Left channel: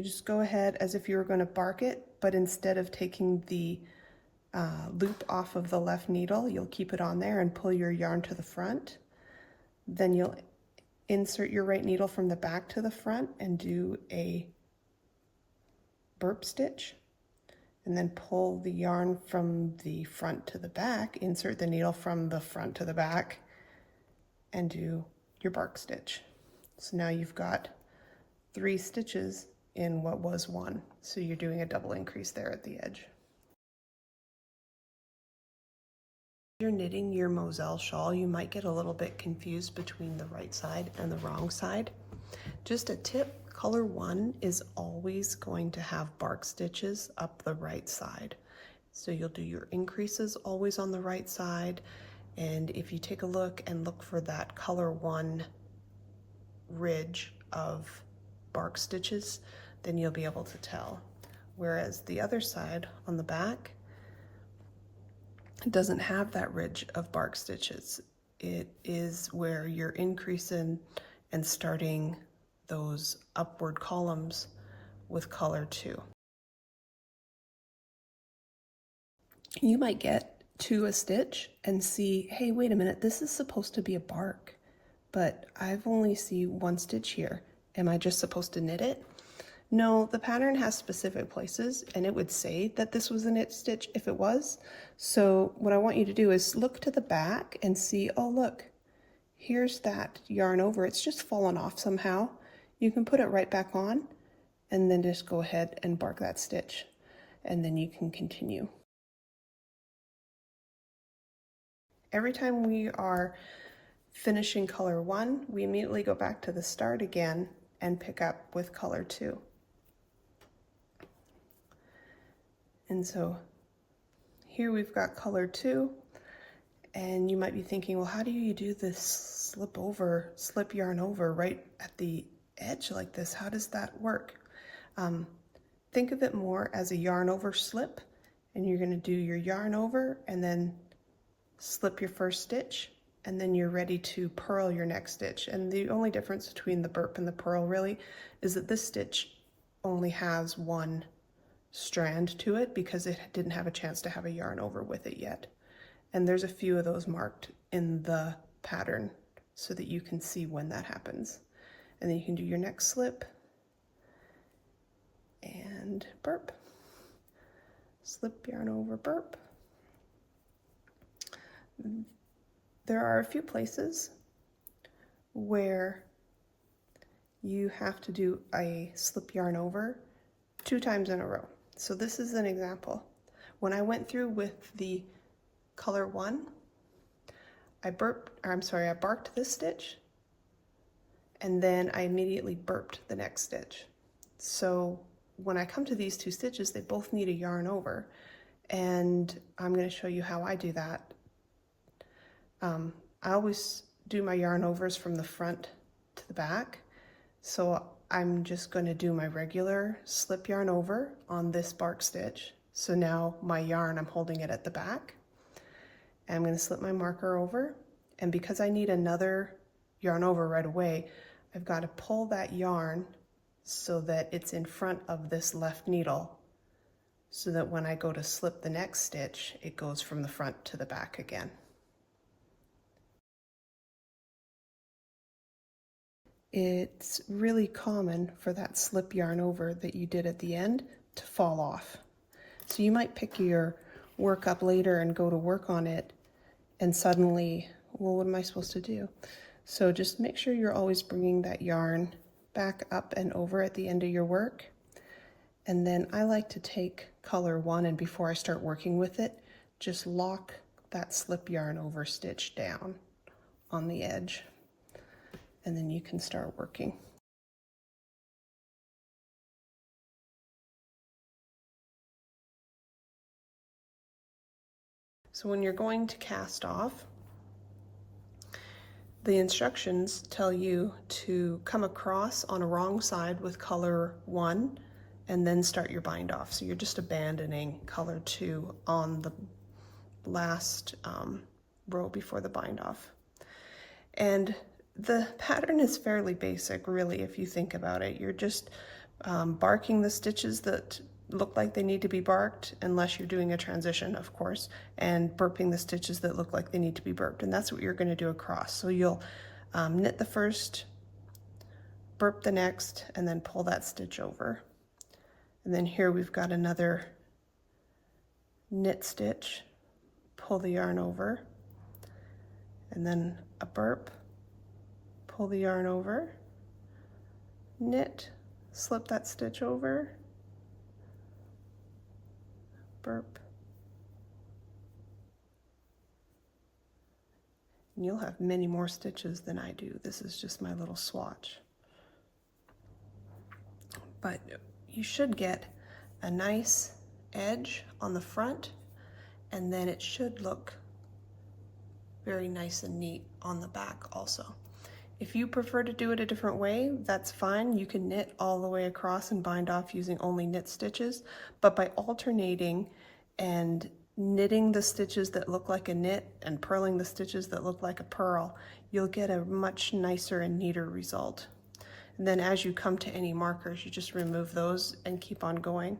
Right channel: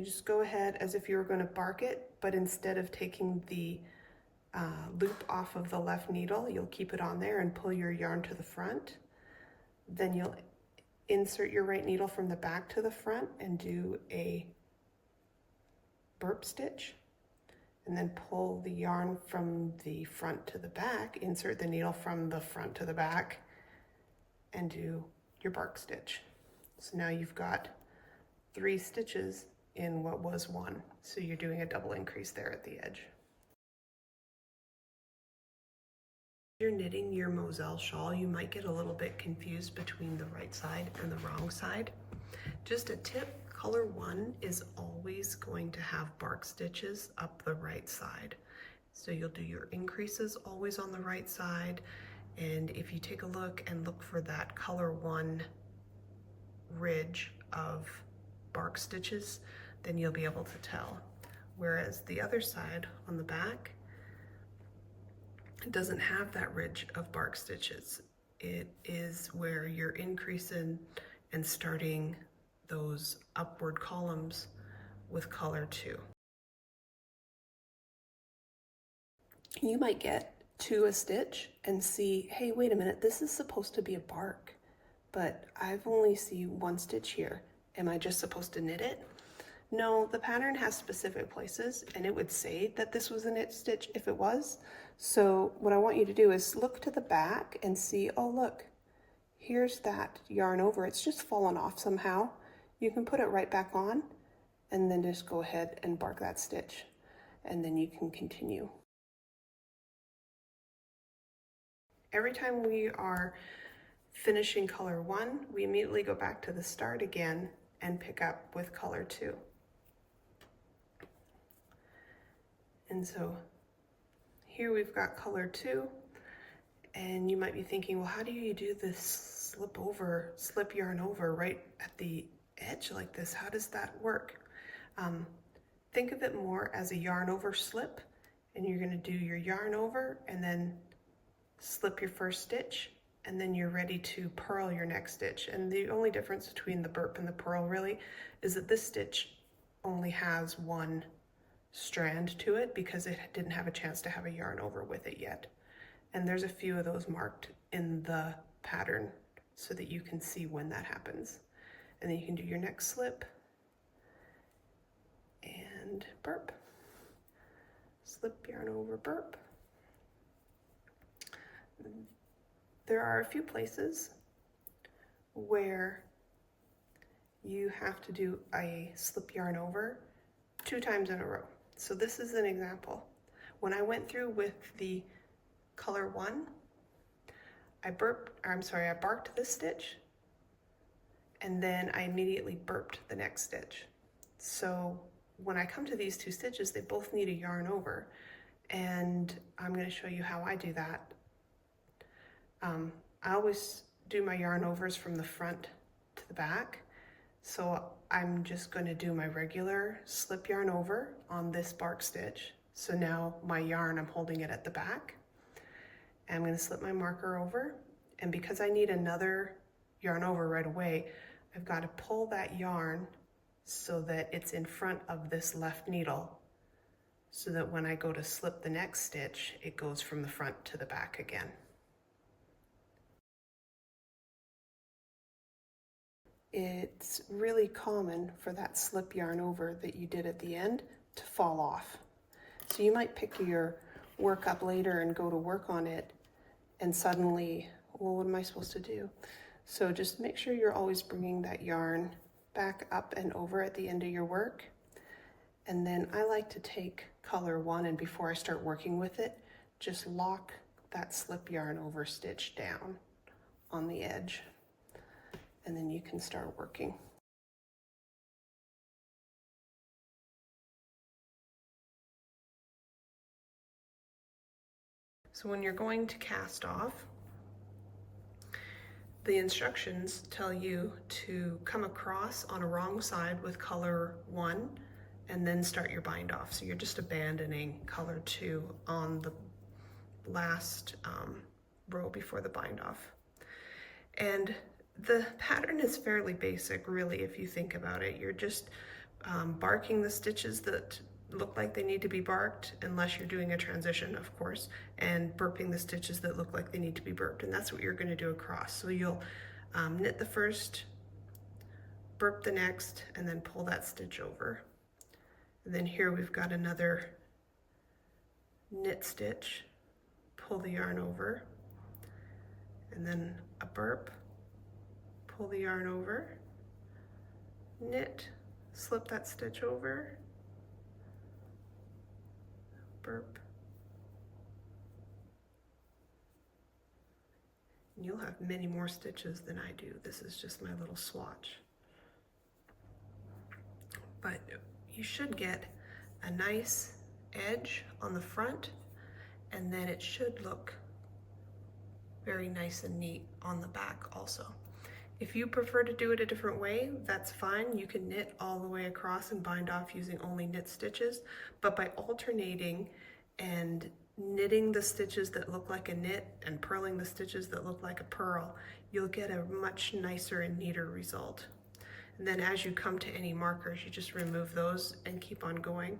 you just go ahead as if you were going to bark it, but instead of taking the loop off of the left needle, you'll keep it on there and pull your yarn to the front. Then you'll insert your right needle from the back to the front and do a burp stitch, and then pull the yarn from the front to the back, insert the needle from the front to the back, and do your bark stitch. So now you've got 3 stitches in what was 1. So you're doing a double increase there at the edge. You're knitting your Mosel shawl, you might get a little bit confused between the right side and the wrong side. Just a tip, color 1 is always going to have bark stitches up the right side. So you'll do your increases always on the right side, and if you take a look and look for that color 1 ridge of bark stitches, then you'll be able to tell. Whereas the other side on the back, it doesn't have that ridge of bark stitches. It is where you're increasing and starting those upward columns with color 2. You might get to a stitch and see, hey, wait a minute, this is supposed to be a bark, but I've only seen 1 stitch here. Am I just supposed to knit it? No, the pattern has specific places, and it would say that this was a knit stitch if it was. So what I want you to do is look to the back and see, oh look, here's that yarn over. It's just fallen off somehow. You can put it right back on and then just go ahead and bark that stitch, and then you can continue. Every time we are finishing color 1, we immediately go back to the start again and pick up with color 2. And so here we've got color 2, and you might be thinking, well, how do you do this slip yarn over right at the edge like this? How does that work? Think of it more as a yarn over slip, and you're going to do your yarn over and then slip your first stitch, and then you're ready to purl your next stitch. And the only difference between the burp and the purl really is that this stitch only has 1 strand to it because it didn't have a chance to have a yarn over with it yet. And there's a few of those marked in the pattern so that you can see when that happens. And then you can do your next slip and burp. Slip, yarn over, burp. There are a few places where you have to do a slip yarn over 2 times in a row. So this is an example. When I went through with the color 1, I barked this stitch, and then I immediately burped the next stitch. So when I come to these 2 stitches, they both need a yarn over, and I'm going to show you how I do that. I always do my yarn overs from the front to the back, so I'm just going to do my regular slip yarn over on this bark stitch. So now my yarn, I'm holding it at the back, and I'm going to slip my marker over, and because I need another yarn over right away, I've got to pull that yarn so that it's in front of this left needle, so that when I go to slip the next stitch, it goes from the front to the back again. It's really common for that slip yarn over that you did at the end to fall off. So you might pick your work up later and go to work on it, and suddenly, well, what am I supposed to do? So just make sure you're always bringing that yarn back up and over at the end of your work. And then I like to take color 1, and before I start working with it, just lock that slip yarn over stitch down on the edge, and then you can start working. So when you're going to cast off, the instructions tell you to come across on a wrong side with color 1 and then start your bind off. So you're just abandoning color 2 on the last row before the bind off. And the pattern is fairly basic, really, if you think about it. You're just barking the stitches that look like they need to be barked, unless you're doing a transition, of course, and burping the stitches that look like they need to be burped. And that's what you're going to do across. So you'll knit the first, burp the next, and then pull that stitch over. And then here we've got another knit stitch, pull the yarn over, and then a burp, pull the yarn over, knit, slip that stitch over, burp. And you'll have many more stitches than I do. This is just my little swatch. But you should get a nice edge on the front, and then it should look very nice and neat on the back also. If you prefer to do it a different way, that's fine. You can knit all the way across and bind off using only knit stitches, but by alternating and knitting the stitches that look like a knit and purling the stitches that look like a purl, you'll get a much nicer and neater result. And then as you come to any markers, you just remove those and keep on going.